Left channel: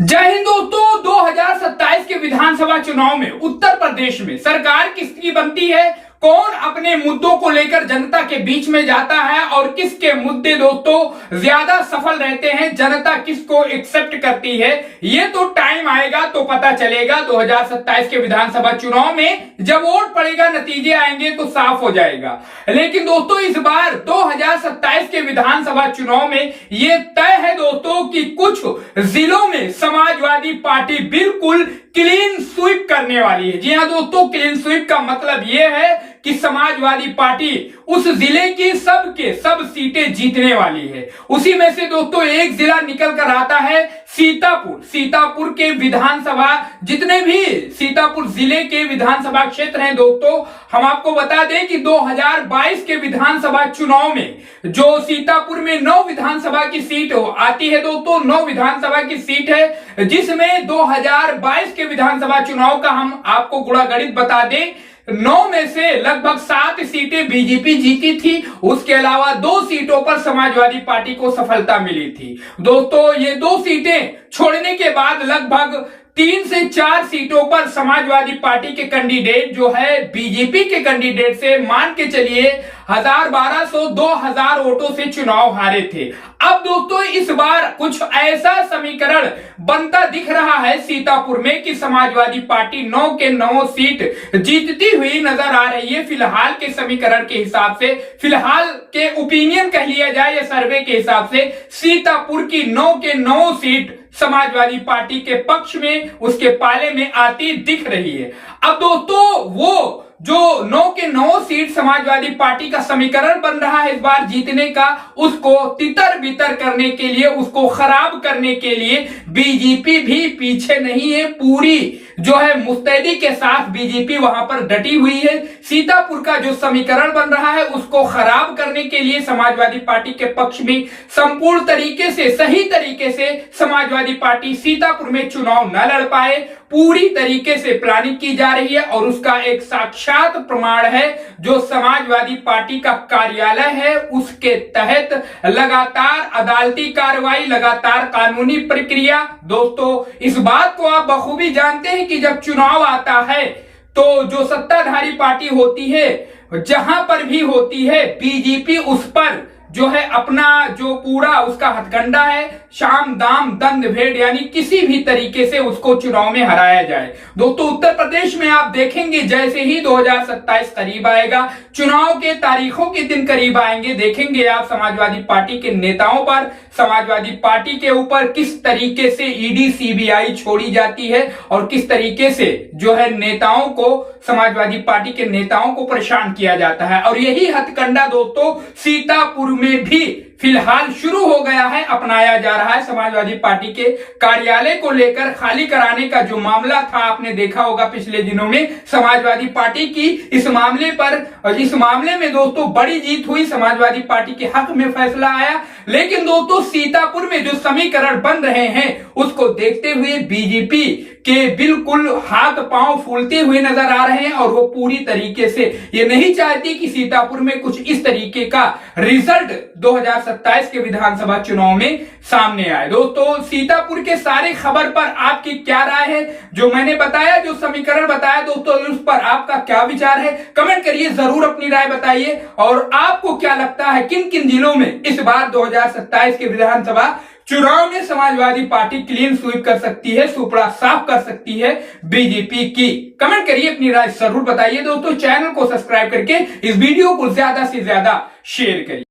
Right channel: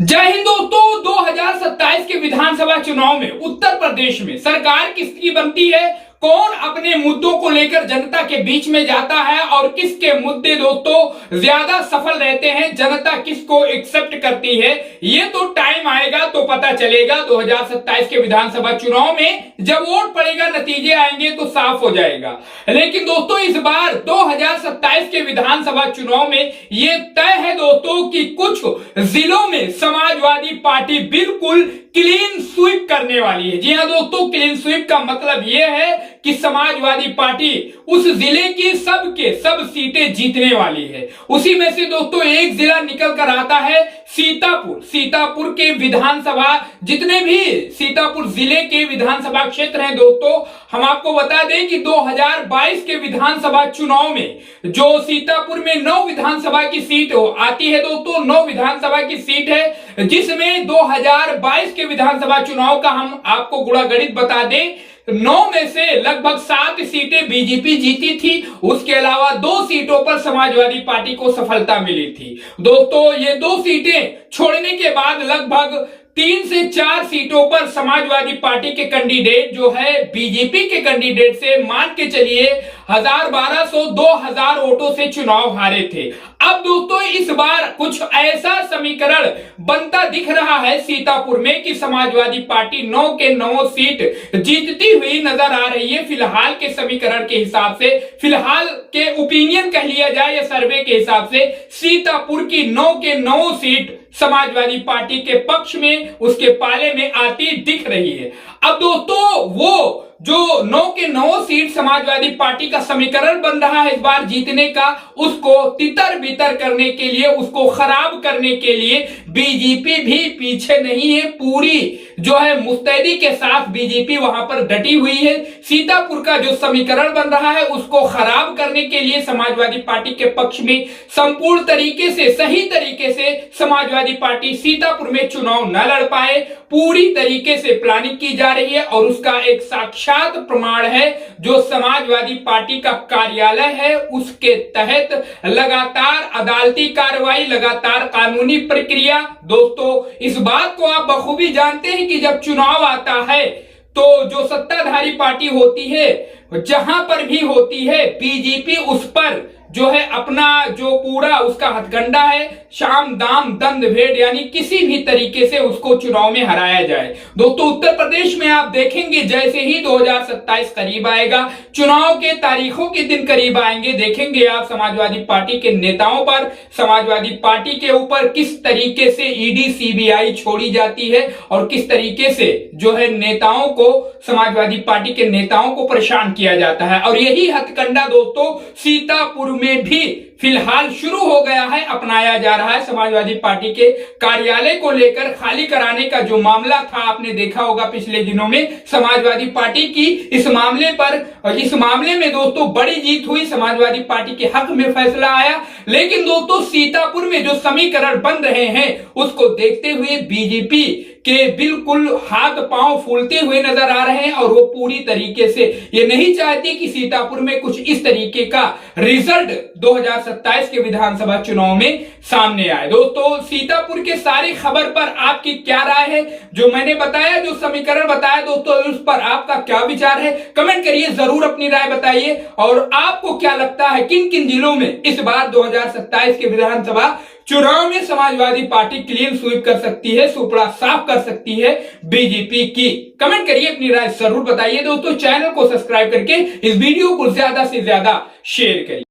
जय हिंद दोस्तों। 2027 के विधानसभा चुनाव में उत्तर प्रदेश में सरकार किसकी बनती है, कौन अपने मुद्दों को लेकर जनता के बीच में जाता है और किसके मुद्दे दोस्तों ज्यादा सफल रहते हैं, जनता किसको एक्सेप्ट करती है, ये तो टाइम आएगा तो पता चलेगा। 2027 के विधानसभा चुनाव में जब वोट पड़ेगा, नतीजे आएंगे तो साफ हो जाएगा। लेकिन दोस्तों इस बार 2027 के विधानसभा चुनाव में ये तय है दोस्तों कि कुछ जिलों में समाजवादी पार्टी बिल्कुल क्लीन स्वीप करने वाली है। जी हां दोस्तों, क्लीन स्वीप का मतलब यह है कि समाजवादी पार्टी उस जिले की सब सीटें जीतने वाली है। उसी में से दोस्तों एक जिला निकल कर आता है सीतापुर। सीतापुर के विधानसभा, जितने भी सीतापुर जिले के विधानसभा क्षेत्र हैं दोस्तों, हम आपको बता दें कि 2022 के विधानसभा चुनाव में जो सीतापुर में 9 विधानसभा की सीट आती है दोस्तों, 9 विधानसभा की सीट है, जिसमें 2022 के विधानसभा चुनाव का हम आपको गुणागणित बता दें, 9 में से लगभग 7 सीटें बीजेपी जीती थी। उसके अलावा 2 सीटों पर समाजवादी पार्टी को सफलता मिली थी। दोस्तों ये 2 सीटें छोड़ने के बाद लगभग 3 से 4 सीटों पर समाजवादी पार्टी के कैंडिडेट जो है बीजेपी के कैंडिडेट से मान के चलिए 1200-2000 वोटों से चुनाव हारे थे। अब दोस्तों इस बार कुछ ऐसा समीकरण बनता दिख रहा है सीतापुर में कि समाजवादी पार्टी 9 के 9 सीट जीतती हुई नजर आ रही है। फिलहाल के समीकरण के हिसाब से, फिलहाल के ओपिनियन कह लिया जाए या सर्वे के हिसाब से, सीतापुर की 9 के 9 सीट समाजवादी पार्टी के पक्ष में, उसके पाले में आती दिख रही है। अब दोस्तों वो जो 9 के 9 सीट समाजवादी पार्टी का समीकरण बन रहा है इस बार जीतने का, उसको तितर बितर करने के लिए, उसको खराब करने के लिए बीजेपी भी पीछे नहीं है। पूरी जो है मुस्तैदी के साथ बीजेपी वहां पर डटी हुई है। सीतापुर का जो समीकरण बन रहा है उसको खराब करने के लिए समाजवादी पार्टी के पक्ष में संपूर्ण तरीके से, सही तरीके से समाजवादी पार्टी सीतापुर में चुनाव न लड़ पाए, पूरी तरीके से प्लानिंग की जा रही है। और उसका एक साक्षात प्रमाण है जो समाजवादी पार्टी का कार्यालय है, उसके तहत लगातार अदालती कार्रवाई, लगातार कानूनी प्रक्रिया। दोस्तों इस बात को आप बखूबी जानते हैं कि जब चुनाव आता है तो जो सत्ताधारी पार्टी होती है, जहां पर भी होती है, बीजेपी उस पर जो है अपना जो पूरा उसका हथकंडा है, शाम दाम दंड भेद, यानी किसी भी तरीके से उसको चुनाव में हराया जाए। दोस्तों उत्तर प्रदेश में आप देखेंगे जैसे ही 2027 करीब आएगा, चुनाव के तारीखों के दिन करीब आएंगे, देखेंगे आप समाजवादी पार्टी के नेताओं पर, समाजवादी पार्टी के ऊपर किस तरीके से ईडी सीबीआई छोड़ी जाती है और किस तरीके से जो है नेताओं को, समाजवादी पार्टी के नेताओं को परेशान किया जाता है। और यही हथकंडा दोस्तों सीतापुर में भी फिलहाल शुरू हो गया है, अपनाया जा रहा है। समाजवादी पार्टी के कार्यालय को लेकर खाली कराने का जो मामला था, आपने देखा होगा पिछले दिनों में समाजवादी पार्टी की इस मामले पर, इस मामले में दोस्तों बड़ी जीत हुई, समाजवादी पार्टी के हक में फैसला आया। लेकिन दोस्तों सीतापुर में जो समीकरण बन रहे हैं उसको देखते हुए बीजेपी के बिल्कुल हाथ पांव फूलते हुए नजर आ रहे हैं और वो पूरी तरीके से ये नहीं चाहती कि सीतापुर में कुछ इस तरीके का रिजल्ट 2027 के विधानसभा चुनाव में सामने आए। दोस्तों सीतापुर के सारे खबर पर आपकी क्या राय है, जो मैंने बताया, जो समीकरण बताया दोस्तों, उस पर आपका क्या विचार है, कमेंट करिए, जरूर अपनी राय बताइए। और आपको क्या लगता है किन किन जिलों में इस बार 2027 के विधानसभा चुनाव में समाजवादी पार्टी क्लीन स्वीप कर सकती है, सुपड़ा साफ कर सकती है बीजेपी की? कमेंट करिए, अपनी राय जरूर बताइए। दोस्तों चैनल को सब्सक्राइब करके इस वीडियो को ज्यादा से ज्यादा शेयर करिए।